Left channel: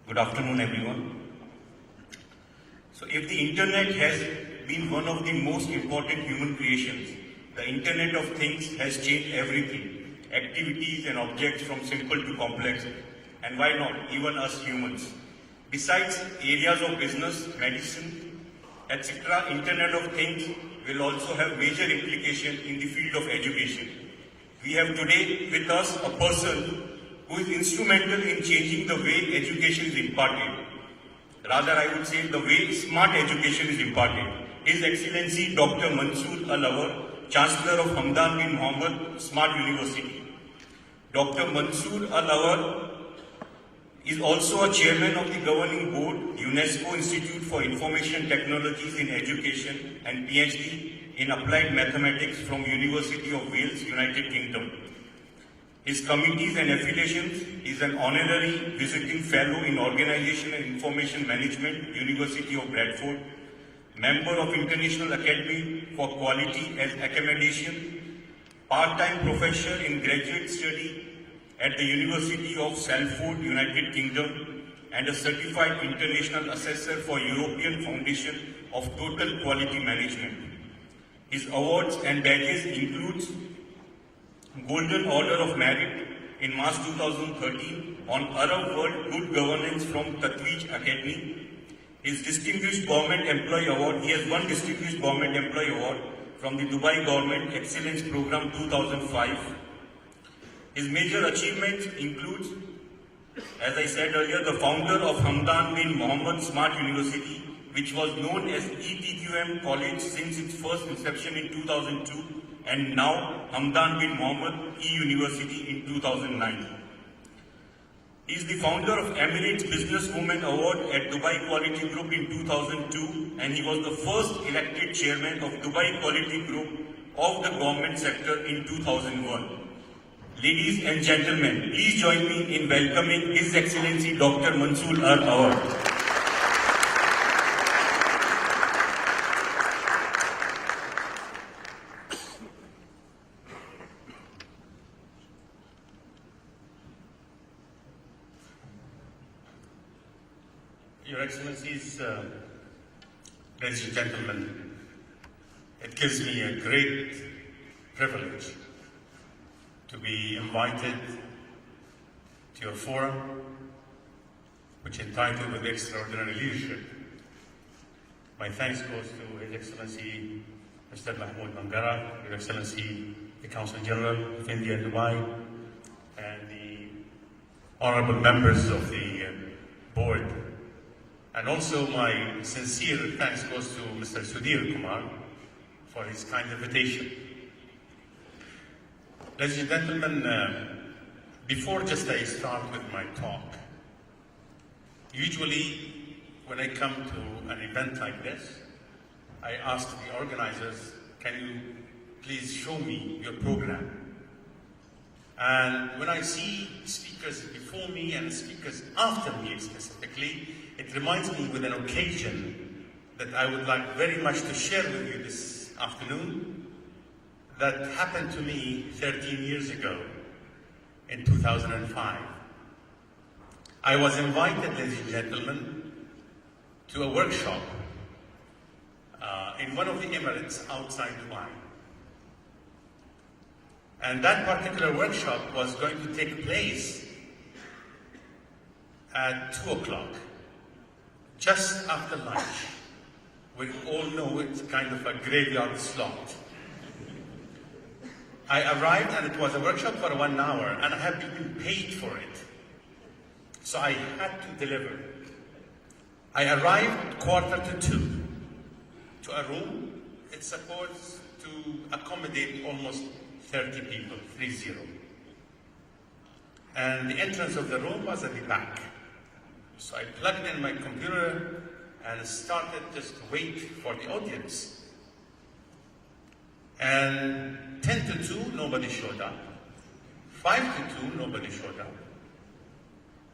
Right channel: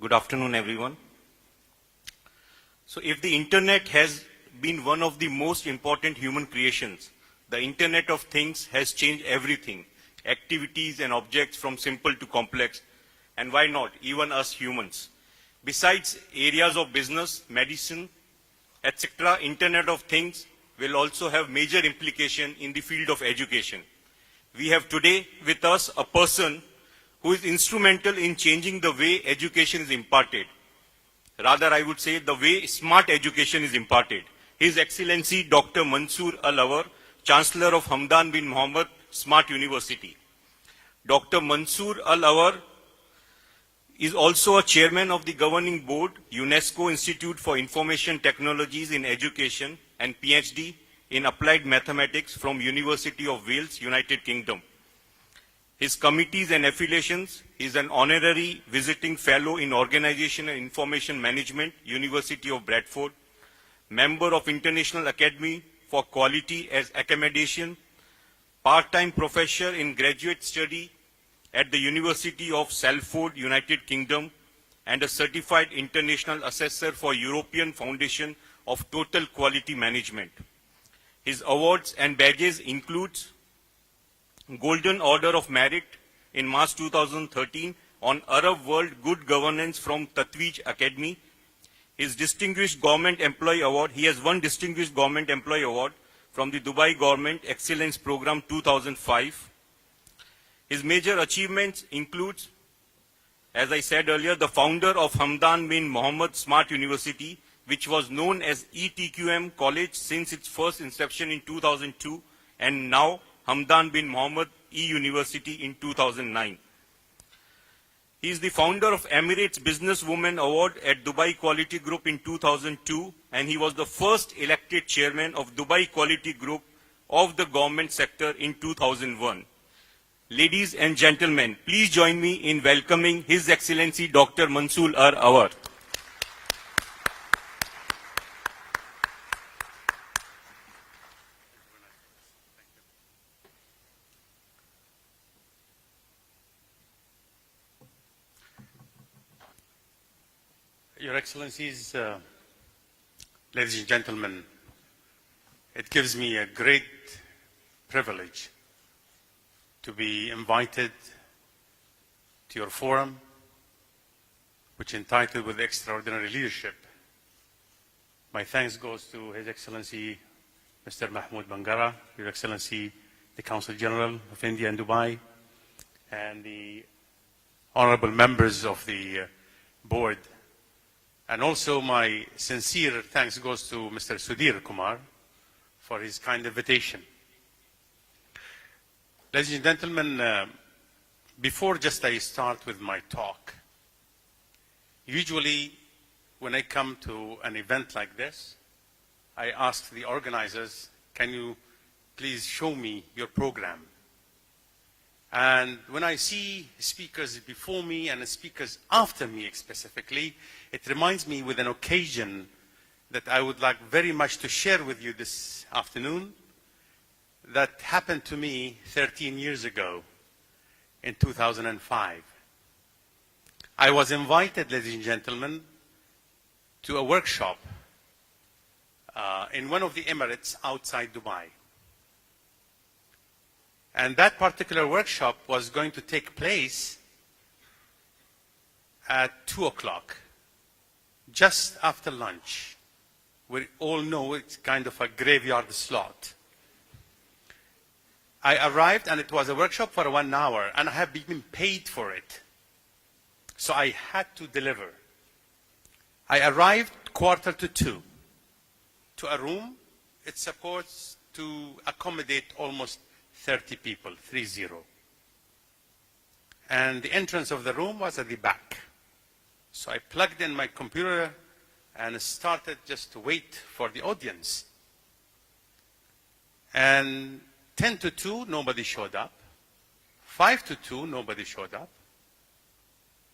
Good afternoon, everyone. So if the internet has been one of the most important human creations, the Internet of Things has changed everything, activities and objects from simple to complex, and why not, even us humans. Besides areas of business, medicine, etc., Internet of Things will also have major implication in the field of education. We have today with us a person who is instrumental in changing the way education is imparted. Rather, I would say the way smart education is imparted. His Excellency Dr. Mansoor Al Awar, Chancellor of Hamdan bin Mohammed Smart University. Dr. Mansoor Al Awar is also a chairman of the governing board, UNESCO Institute for Information Technologies in Education, and PhD in Applied Mathematics from University of Wales, United Kingdom. His committees and affiliations is an honorary visiting fellow in Organization and Information Management, University of Bradford, member of International Academy for Quality as Accommodation, part-time professor in graduate study at the University of Salford, United Kingdom, and a certified international assessor for European Foundation of Total Quality Management. His awards and badges include Golden Order of Merit in March 2013 on Arab World Good Governance from Tatweej Academy. His Distinguished Government Employee Award, he has won Distinguished Government Employee Award from the Dubai Government Excellence Program 2005. His major achievements include, as I said earlier, the founder of Hamdan bin Mohammed Smart University, which was known as ETQM College since its first inception in 2002, and now Hamdan bin Mohammed E-University in 2009. He is the founder of Emirates Businesswoman Award at Dubai Quality Group in 2002, and he was the first elected chairman of Dubai Quality Group of the government sector in 2001. Ladies and gentlemen, please join me in welcoming His Excellency Dr. Mansoor Al Awar. Your Excellencies, ladies and gentlemen, it gives me a great privilege to be invited to your forum, which is entitled with Extraordinary Leadership. My thanks goes to His Excellency Mr. Mahmoud Bangara, Your Excellency the Consul General of India and Dubai, and the honorable members of the board. And also my sincere thanks goes to Mr. Sudhir Kumar for his kind invitation. Ladies and gentlemen, before just I start with my talk, usually when I come to an event like this, I ask the organizers, can you please show me your program? And when I see speakers before me and speakers after me specifically, it reminds me with an occasion that I would like very much to share with you this afternoon that happened to me 13 years ago in 2005. I was invited, ladies and gentlemen, to a workshop in one of the Emirates outside Dubai. And that particular workshop was going to take place at 2 o'clock. Just after lunch. We all know it's kind of a graveyard slot. I arrived and it was a workshop for 1 hour and I had been paid for it. So I had to deliver. I arrived 1:45 to a room. It's supposed to accommodate almost 30 people, 30. And the entrance of the room was at the back. So I plugged in my computer and started just to wait for the audience. And 10 to 2, nobody showed up. 5 to 2, nobody showed up.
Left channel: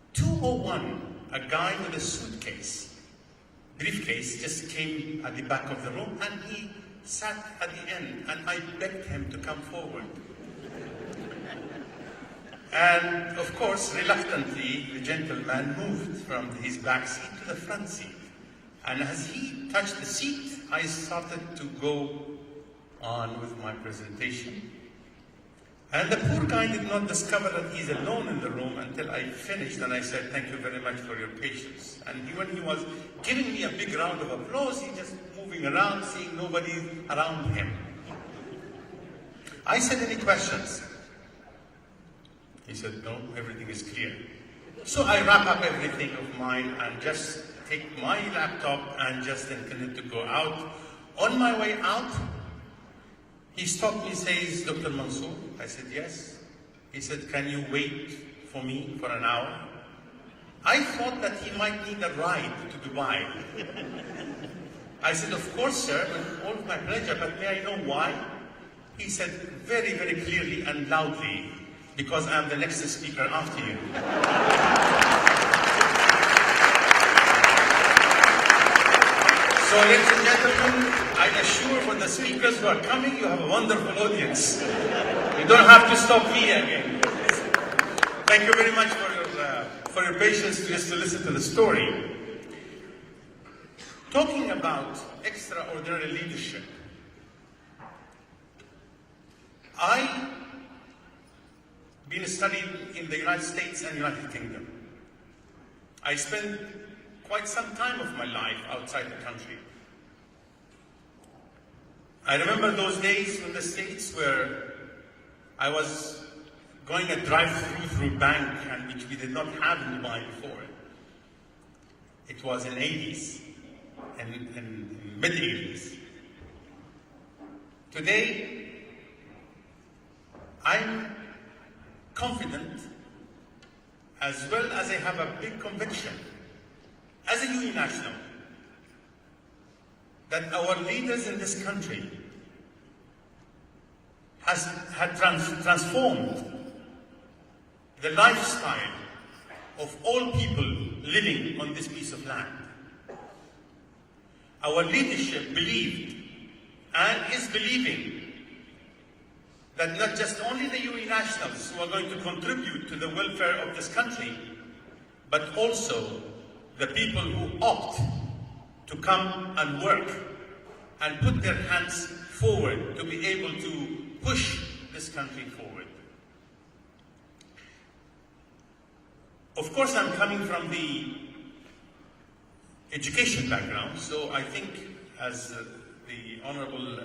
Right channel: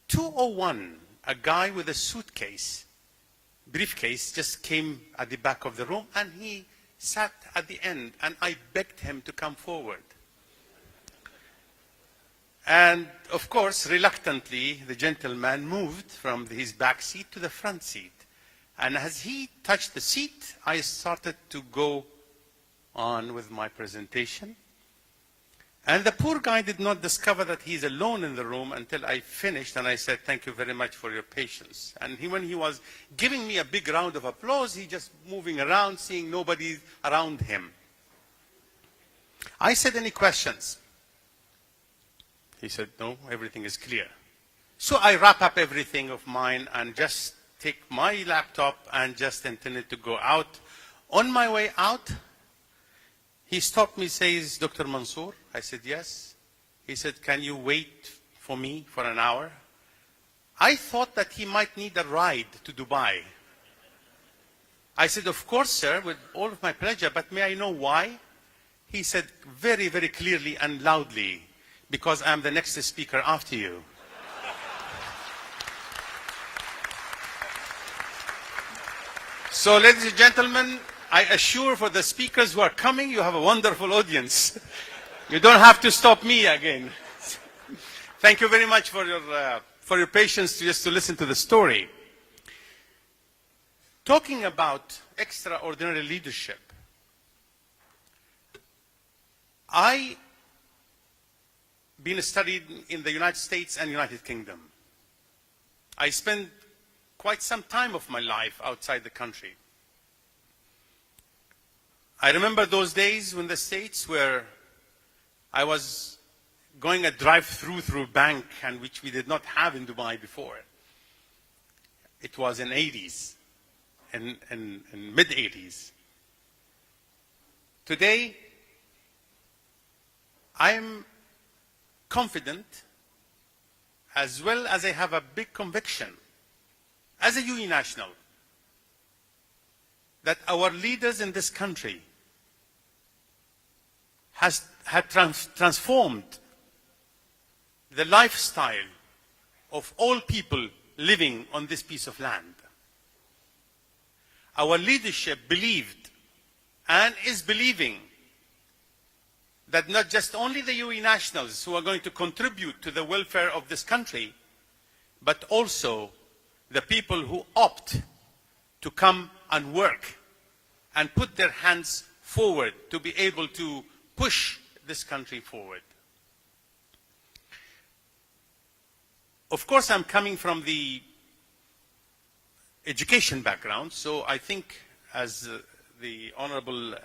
2:01, a guy with a suitcase, briefcase, just came at the back of the room and he sat at the end and I begged him to come forward. And of course, reluctantly, the gentleman moved from his back seat to the front seat. And as he touched the seat, I started to go on with my presentation. And the poor guy did not discover that he's alone in the room until I finished, and I said, "Thank you very much for your patience." And when he was giving me a big round of applause, he just moving around, seeing nobody around him. I said, "Any questions?" He said, "No, everything is clear." So I wrap up everything of mine and just take my laptop and just intended to go out. On my way out, he stopped me, says, "Dr. Mansoor?" I said, "Yes." He said, "Can you wait for me for an hour?" I thought that he might need a ride to Dubai. I said, "Of course, sir, with all my pleasure, but may I know why?" He said very, very clearly and loudly, "Because I'm the next speaker after you." So, ladies and gentlemen, I assure for the speakers who are coming, you have a wonderful audience. You don't have to stop me again. Thank you very much for your patience just to listen to the story. Talking about extraordinary leadership, I been studied in the United States and United Kingdom. I spent quite some time of my life outside the country. I remember those days in the States where I was going a drive-through through a bank, and which we did not have in Dubai before. It was in 80s, in mid-80s. Today, I'm confident, as well as I have a big conviction, as a UE national, that our leaders in this country had transformed the lifestyle of all people living on this piece of land. Our leadership believed and is believing that not just only the UE nationals who are going to contribute to the welfare of this country, but also the people who opt to come and work and put their hands forward to be able to push this country forward. Of course, I'm coming from the education background, so I think, as the honorable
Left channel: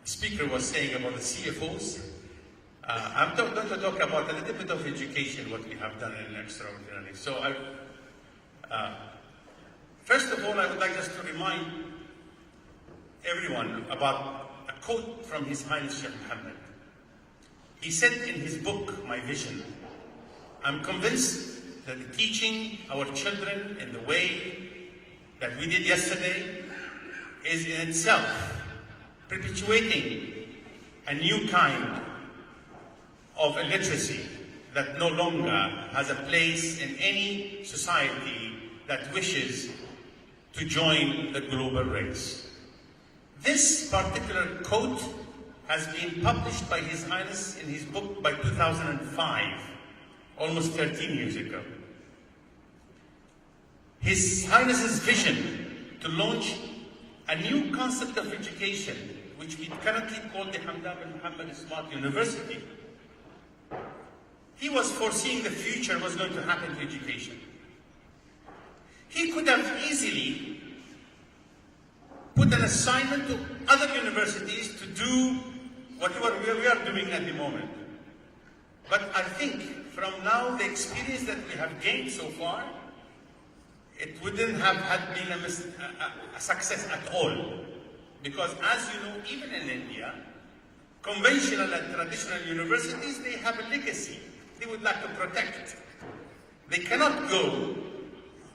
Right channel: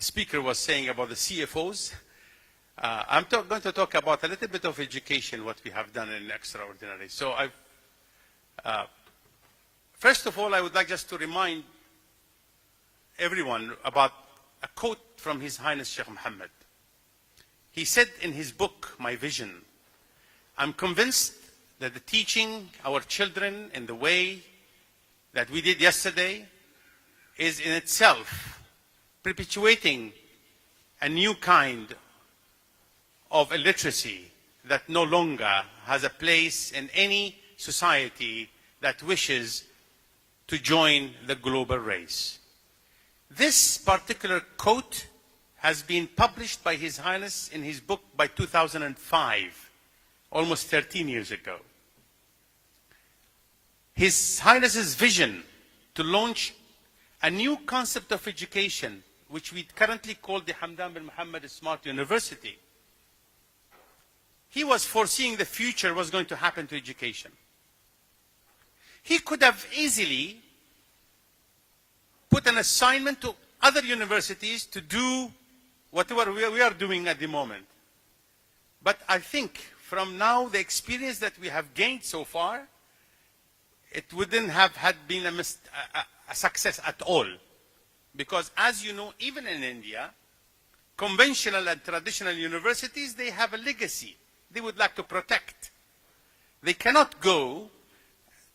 speaker was saying about the CFOs, I'm going to talk about a little bit of education, what we have done in Extraordinary. So first of all, I would like just to remind everyone about a quote from His Highness Sheikh Mohammed. He said in his book, My Vision, "I'm convinced that the teaching our children in the way that we did yesterday is in itself perpetuating a new kind of illiteracy that no longer has a place in any society that wishes to join the global race." This particular quote has been published by His Highness in his book by 2005, almost 13 years ago. His Highness's vision to launch a new concept of education, which we currently call the Hamdan bin Muhammad Smart University. He was foreseeing the future was going to happen to education. He could have easily put an assignment to other universities to do whatever we are doing at the moment. But I think from now, the experience that we have gained so far, it wouldn't have been a success at all. Because as you know, even in India, conventional and traditional universities, they have a legacy they would like to protect. They cannot go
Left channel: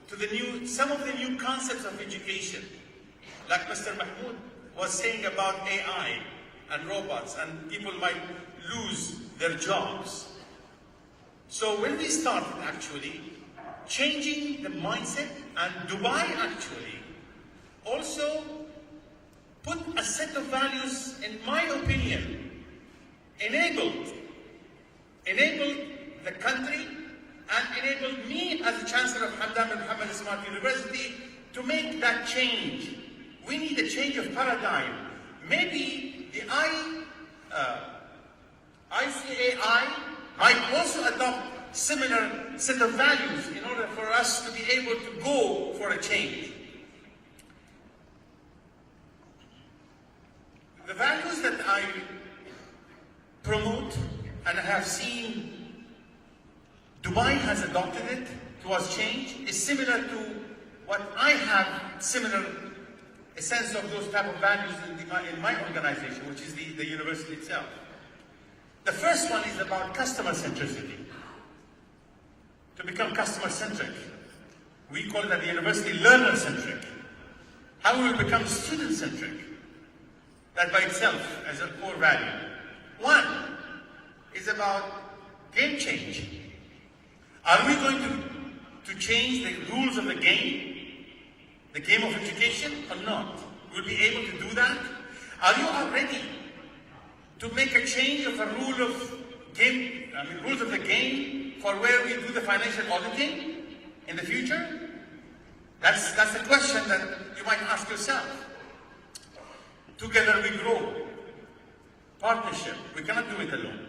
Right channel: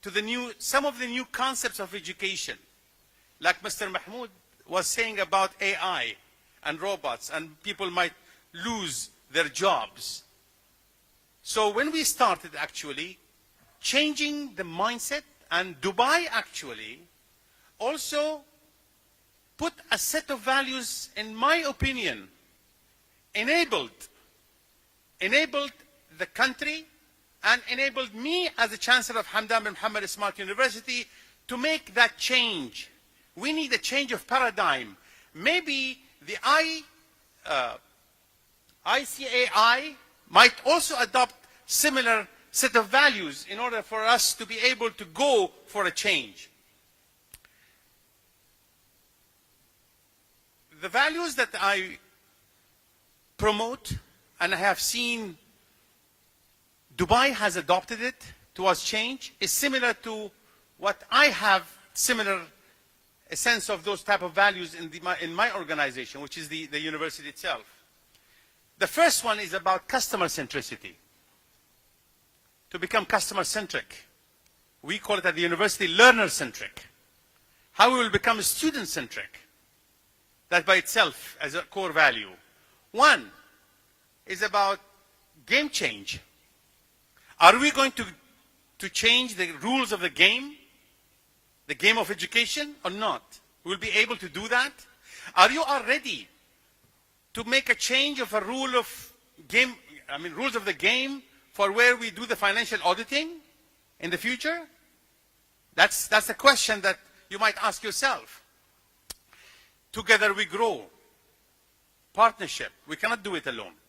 to some of the new concepts of education. Like Mr. Mahmoud was saying about AI and robots, and people might lose their jobs. So when we started actually changing the mindset, and Dubai actually also put a set of values, in my opinion, enabled the country and enabled me as the Chancellor of Hamdan bin Muhammad Smart University to make that change. We need a change of paradigm. Maybe the ICAI might also adopt similar set of values in order for us to be able to go for a change. The values that I promote, and I have seen Dubai has adopted it towards change, is similar to what I have similar a sense of those type of values in my organization, which is the university itself. The first one is about customer centricity. To become customer centric. We call it at the university learner centric. How we will become student centric. That by itself as a core value. One is about game change. Are we going to change the rules of the game of education, or not? We'll be able to do that. Are you all ready to make a change of a rule of game, rules of the game for where we do the financial auditing in the future? That's a question that you might ask yourself. Together we grow. Partnership. We cannot do it alone.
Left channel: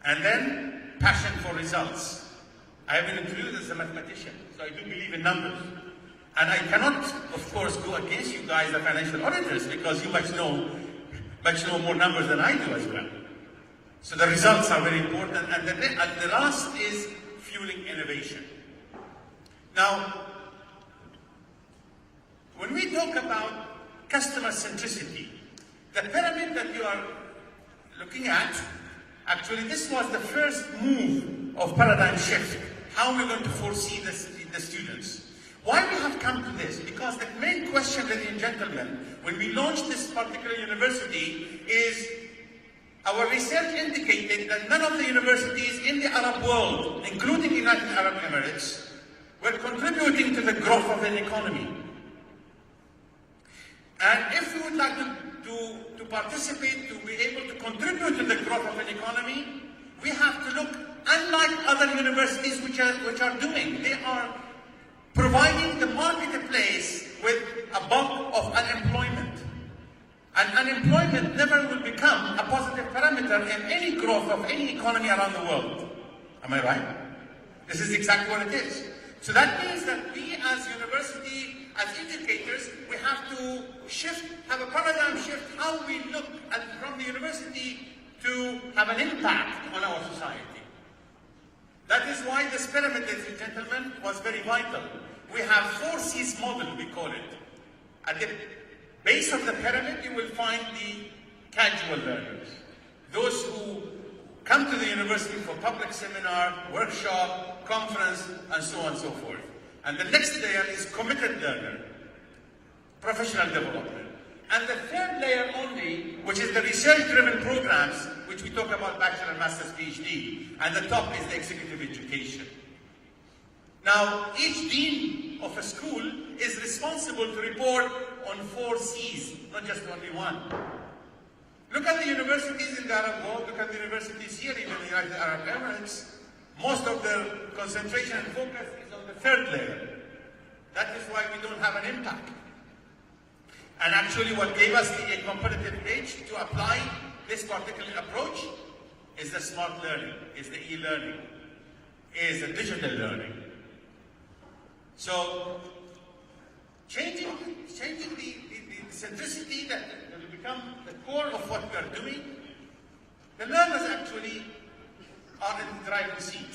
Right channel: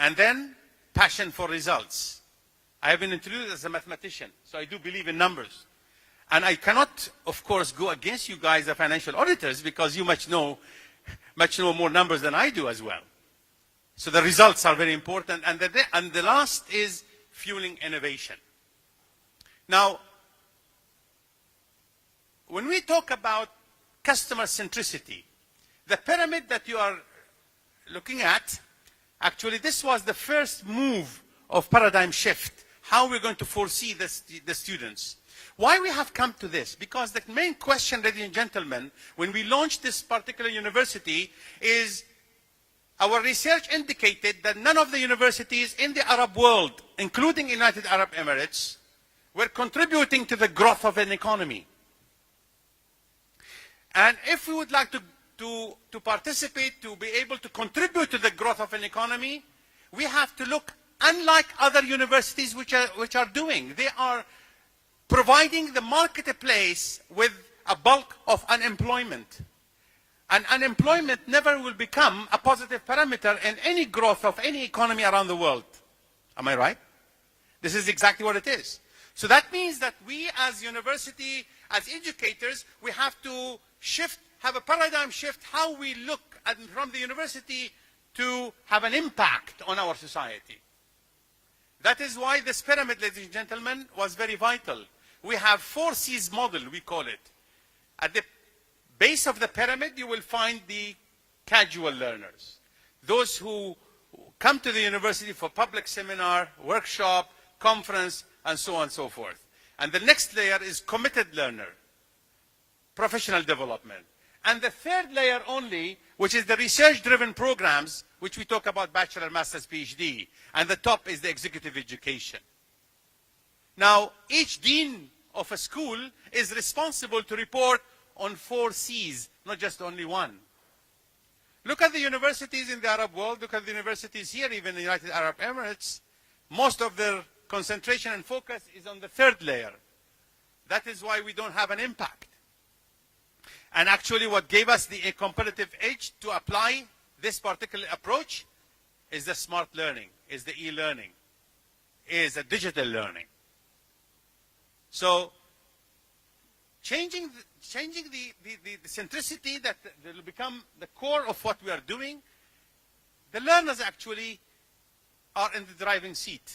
And then, passion for results. I have been introduced as a mathematician, so I do believe in numbers. And I cannot, of course, go against you guys, the financial auditors, because you much know more numbers than I do as well. So the results are very important. And the last is fueling innovation. Now, when we talk about customer centricity, the pyramid that you are looking at, actually this was the first move of paradigm shift. How we're going to foresee the students. Why we have come to this? Because the main question, ladies and gentlemen, when we launched this particular university is our research indicated that none of the universities in the Arab world, including the United Arab Emirates, were contributing to the growth of an economy. And if we would like to participate, to be able to contribute to the growth of an economy, we have to look unlike other universities which are doing. They are providing the marketplace with a bump of unemployment. And unemployment never will become a positive parameter in any growth of any economy around the world. Am I right? This is exactly what it is. So that means that we as university, as educators, we have to have a paradigm shift how we look from the university to have an impact on our society. That is why this pyramid, ladies and gentlemen, was very vital. We have 4 C's model, we call it. At the base of the pyramid, you will find the casual learners. Those who come to the university for public seminar, workshop, conference, and so on and so forth. And the next layer is committed learner, professional development. And the third layer only, which is the research-driven programs, which we talk about bachelor, master's, PhD. And the top is the executive education. Now, each dean of a school is responsible to report on 4 C's, not just only one. Look at the universities in the Arab world, look at the universities here, even the United Arab Emirates. Most of their concentration and focus is on the third layer. That is why we don't have an impact. And actually what gave us a competitive edge to apply this particular approach is the smart learning, is the e-learning, is the digital learning. So changing the centricity that will become the core of what we are doing, the learners actually are in the driving seat,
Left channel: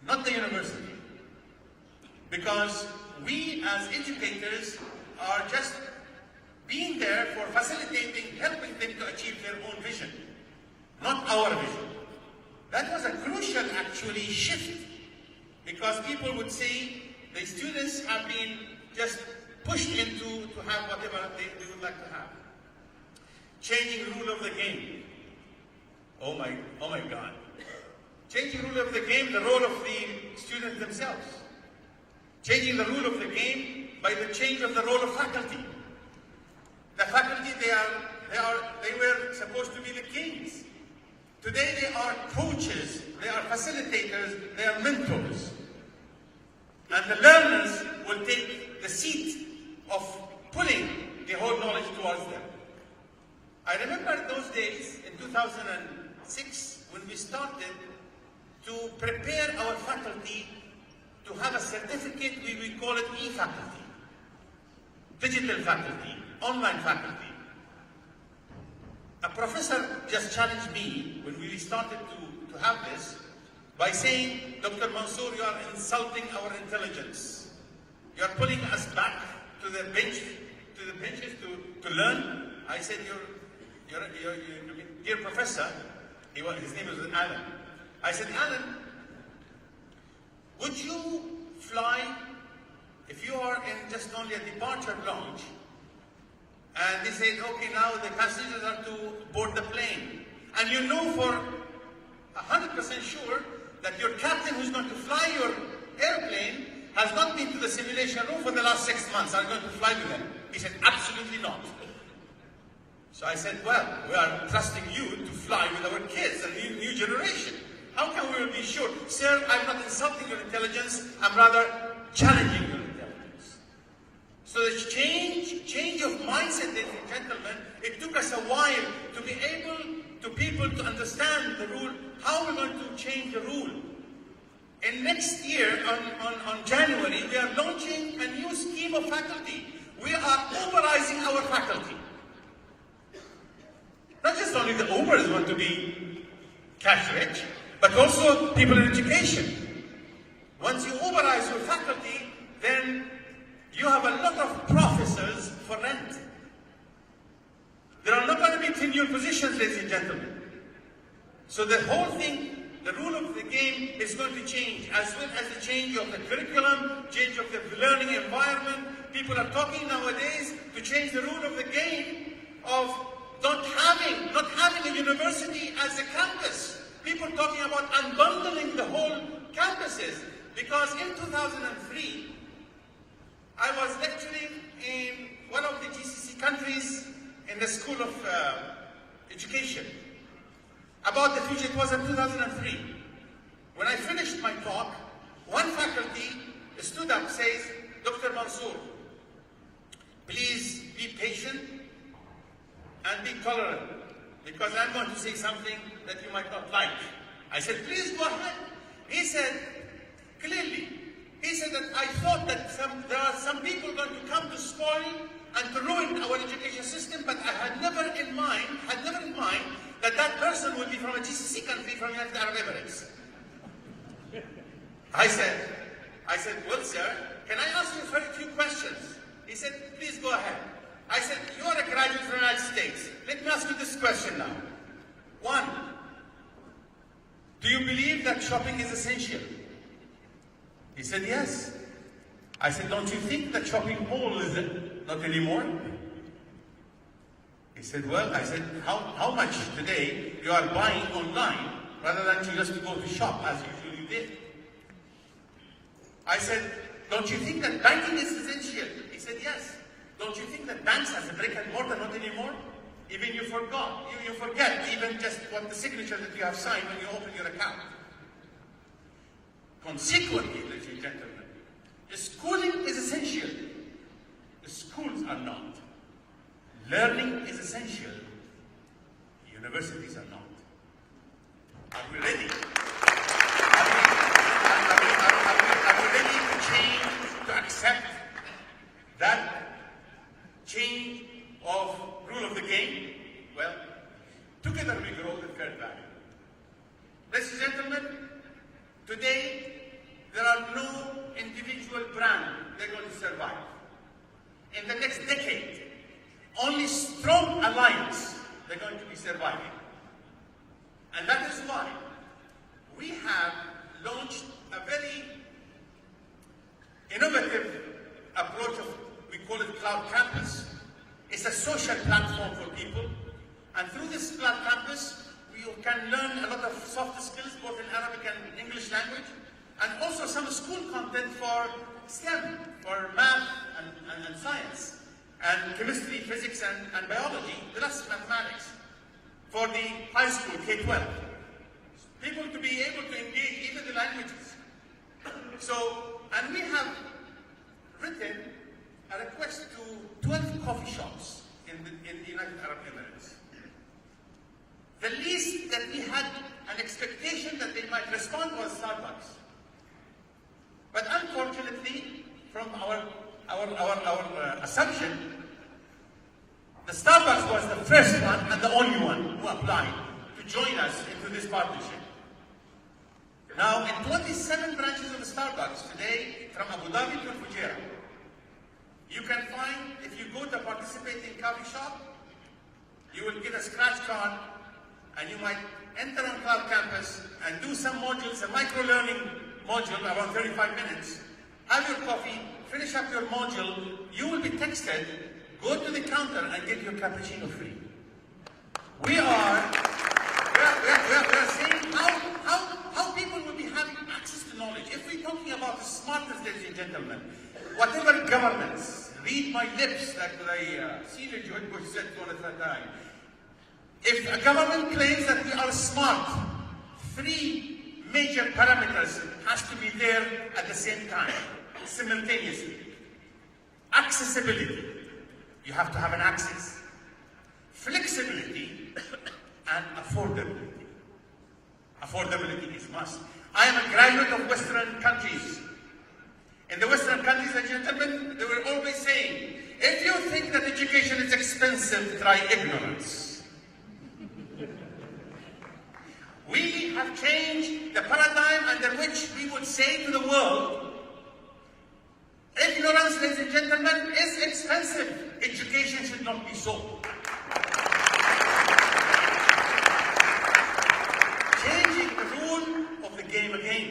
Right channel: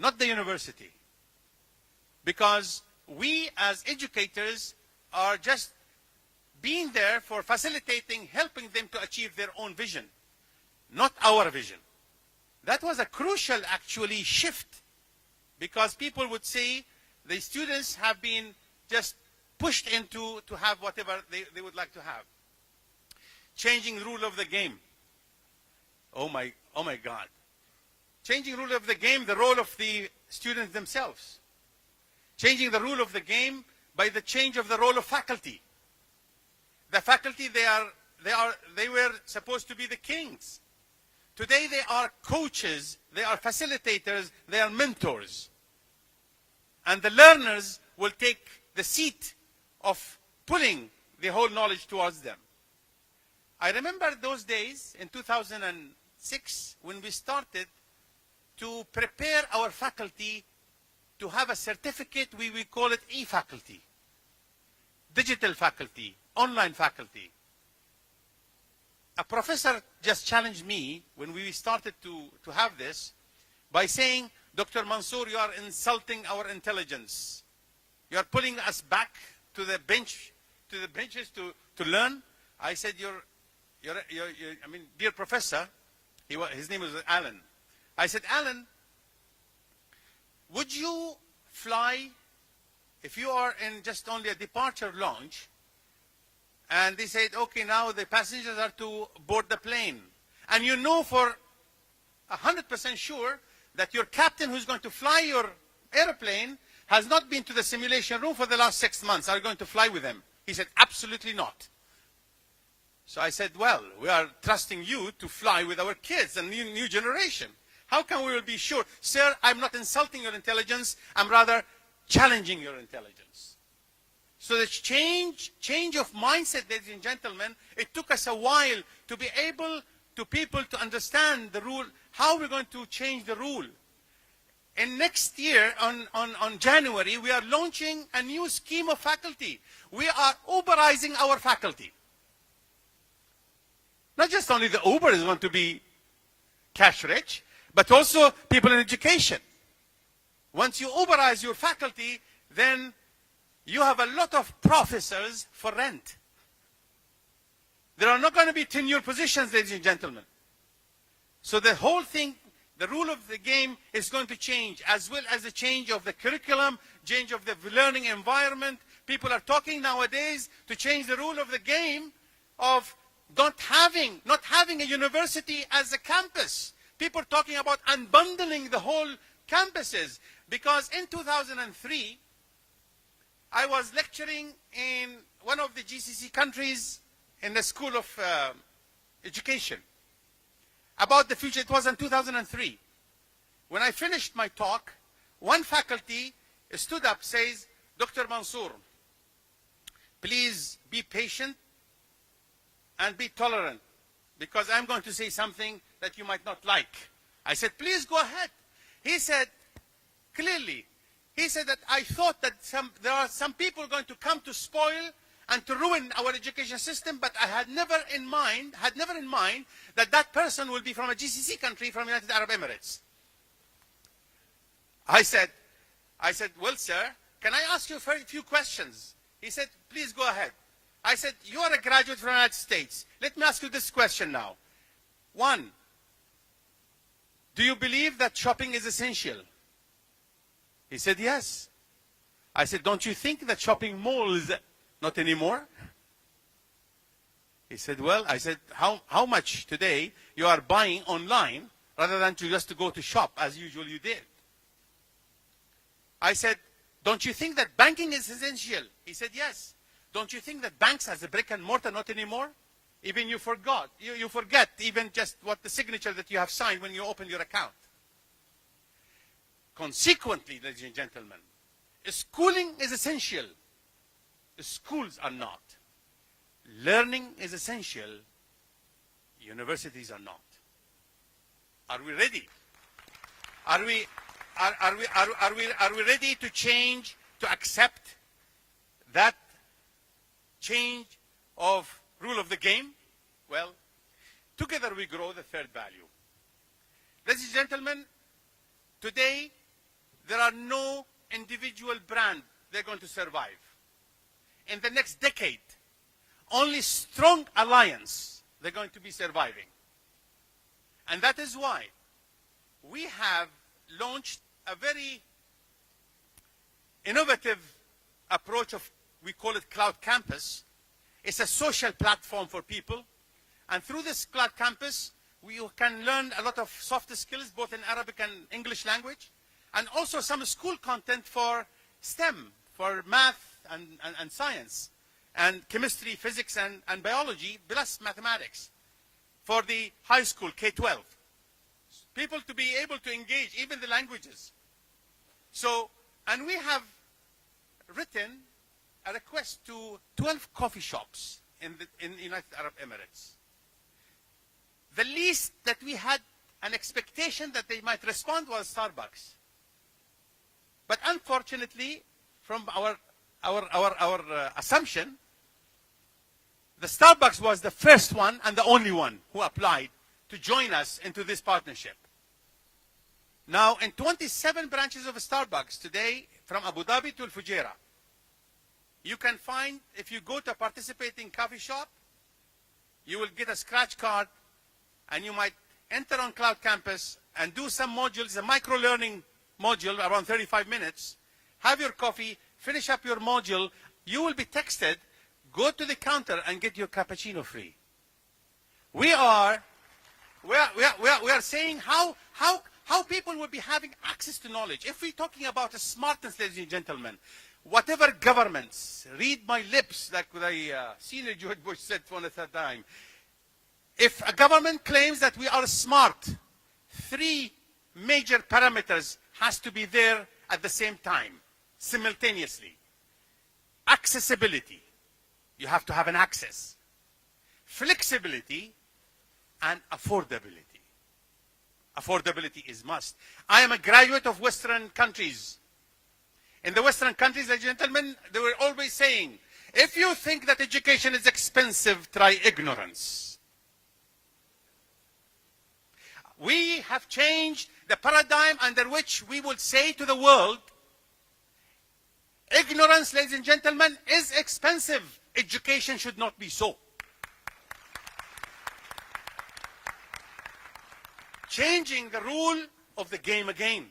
not the university. Because we as educators are just being there for facilitating, helping them to achieve their own vision, not our vision. That was a crucial actually shift, because people would say the students have been just pushed into to have whatever they would like to have. Changing rule of the game. Oh my God. Changing rule of the game, the role of the students themselves. Changing the rule of the game by the change of the role of faculty. The faculty, they were supposed to be the kings. Today they are coaches, they are facilitators, they are mentors. And the learners will take the seat of pulling the whole knowledge towards them. I remember those days in 2006 when we started to prepare our faculty to have a certificate, we will call it e-faculty, digital faculty, online faculty. A professor just challenged me when we started to have this by saying, Dr. Mansoor, you are insulting our intelligence. You are pulling us back to the benches to learn. I said, I mean, dear professor, his name was Alan. I said, Alan, would you fly if you are in just only a departure lounge and they say, okay, now the passengers are to board the plane, and you know for 100% sure that your captain who's going to fly your airplane has not been to the simulation room for the last 6 months, are going to fly with him? He said, absolutely not. So I said, well, we are trusting you to fly with our kids and a new generation. How can we be sure? Sir, I'm not insulting your intelligence, I'm rather challenging your intelligence. So the change of mindset, ladies and gentlemen, it took us a while to be able to people to understand the rule, how we're going to change the rule. And next year, on January, we are launching a new scheme of faculty. We are Uberizing our faculty. Not just only the Ubers want to be cash rich, but also people in education. Once you Uberize your faculty, then you have a lot of professors for rent. There are not going to be tenure positions, ladies and gentlemen. So the whole thing, the rule of the game is going to change, as well as the change of the curriculum, change of the learning environment. People are talking nowadays to change the rule of the game of not having a university as a campus. People talking about unbundling the whole campuses. Because in 2003, I was lecturing in one of the GCC countries in the School of Education about the future. It was in 2003. When I finished my talk, one faculty stood up and says, Dr. Mansoor, please be patient and be tolerant, because I'm going to say something that you might not like. I said, please go ahead. He said, clearly, he said that I thought that there are some people going to come to spoil and to ruin our education system, but I had never in mind that that person will be from a GCC country, from the United Arab Emirates. I said, well, sir, can I ask you a very few questions? He said, please go ahead. I said, you are a graduate from the United States. Let me ask you this question now. One, do you believe that shopping is essential? He said, yes. I said, don't you think that shopping malls not anymore? He said, well, I said, how much today you are buying online rather than just to go to shop as usually did? I said, don't you think that banking is essential? He said, yes. Don't you think that banks as a brick and mortar not anymore? Even you forgot. You forget even just what the signature that you have signed when you open your account. Consequently, ladies and gentlemen, schooling is essential. The schools are not. Learning is essential. Universities are not. Are we ready? Are we ready to change, to accept that change of rule of the game? Well, together we grow the third value. Ladies and gentlemen, today there are no individual brands that are going to survive. In the next decade, only strong alliance they're going to be surviving. And that is why we have launched a very innovative approach of, we call it Cloud Campus. It's a social platform for people. And through this Cloud Campus, we can learn a lot of soft skills, both in Arabic and English language, and also some school content for STEM, for math and science, and chemistry, physics, and biology, plus mathematics, for the high school, K-12. people to be able to engage even the languages. So, and we have written a request to 12 coffee shops in the United Arab Emirates. The least that we had an expectation that they might respond was Starbucks. But unfortunately, from our assumption, the Starbucks was the first one and the only one who applied to join us into this partnership. Now, in 27 branches of Starbucks today, from Abu Dhabi to Fujairah, you can find, if you go to a participating coffee shop, you will get a scratch card and you might enter on Cloud Campus and do some modules, a micro-learning module, around 35 minutes, have your coffee, finish up your module, you will be texted, go to the counter and get your cappuccino free. We are saying how people will be having access to knowledge. If we're talking about the smartest, ladies and gentlemen, whatever governments, read my lips, like the senior George Bush said for the third time. If a government claims that we are smart, 3 major parameters has to be there at the same time, simultaneously. Accessibility. You have to have an access. Flexibility and affordability. Affordability is must. I am a graduate of Western countries. In the Western countries, ladies and gentlemen, they were always saying, if you think that education is expensive, try ignorance. We have changed the paradigm under which we would say to the world, ignorance, ladies and gentlemen, is expensive. Education should not be so. Changing the rule of the game again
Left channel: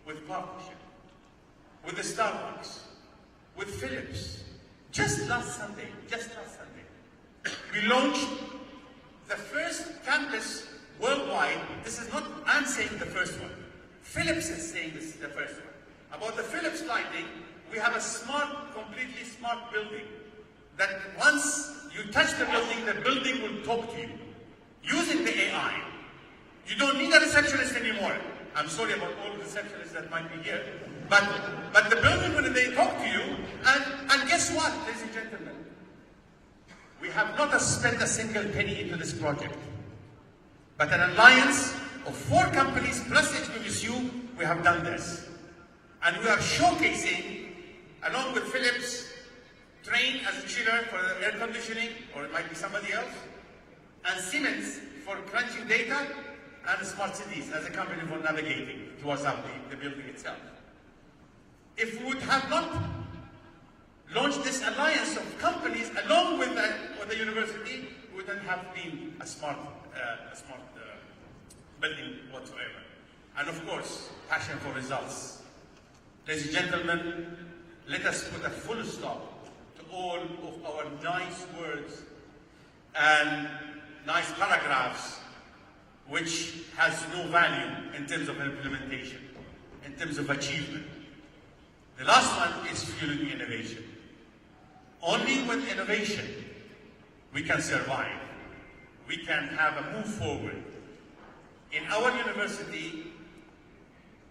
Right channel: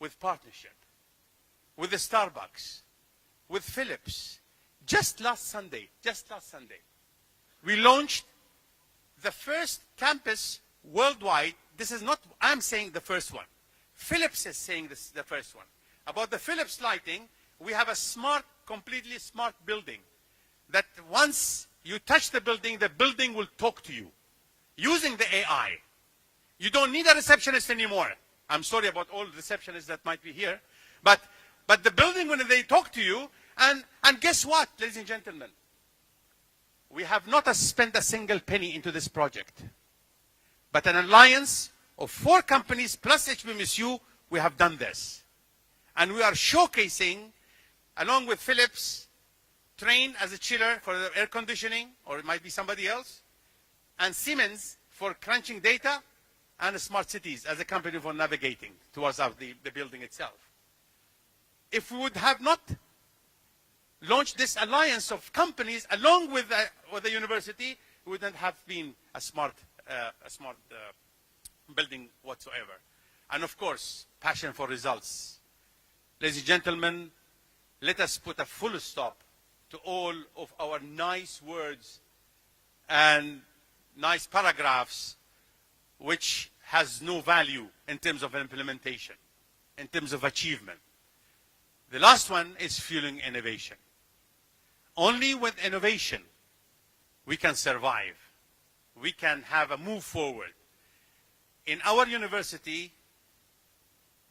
with partnership, with the Starbucks, with Philips. Just last Sunday, we launched the first campus worldwide. This is not, I'm saying the first one. Philips is saying this is the first one. About the Philips lighting, we have a smart, completely smart building that once you touch the building will talk to you using the AI. You don't need a receptionist anymore. I'm sorry about all the receptionists that might be here. But the building, when they talk to you, and guess what, ladies and gentlemen? We have not spent a single penny into this project. But an alliance of 4 companies plus HBMSU, we have done this. And we are showcasing, along with Philips, Train as a chiller for the air conditioning, or it might be somebody else, and Siemens for crunching data, and Smart Cities as a company for navigating towards the building itself. If we would have not launched this alliance of companies along with the university, we wouldn't have been a smart building whatsoever. And of course, passion for results. Ladies and gentlemen, let us put a full stop to all of our nice words and nice paragraphs which has no value in terms of implementation, in terms of achievement. The last one is fueling innovation. Only with innovation we can survive. We can have a move forward. In our university,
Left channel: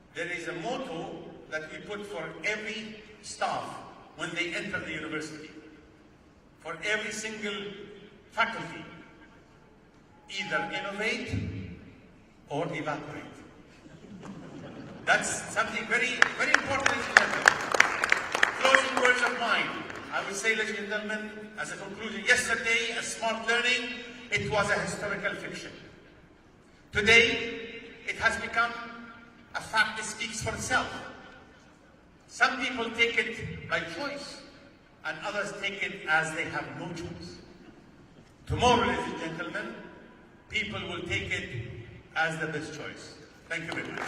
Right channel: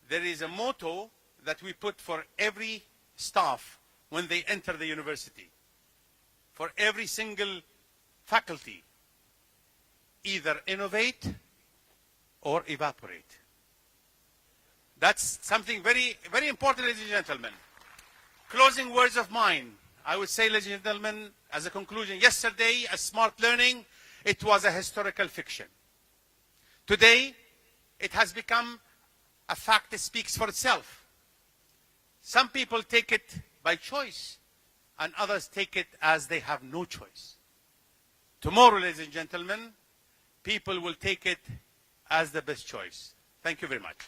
there is a motto that we put for every staff when they enter the university. For every single faculty, either innovate or evaporate. That's something very, very important, ladies and gentlemen. Closing words of mine. I would say, ladies and gentlemen, as a conclusion, yesterday, a smart learning, it was a historical fiction. Today, it has become a fact that speaks for itself. Some people take it by choice, and others take it as they have no choice. Tomorrow, ladies and gentlemen, people will take it as the best choice. Thank you very much.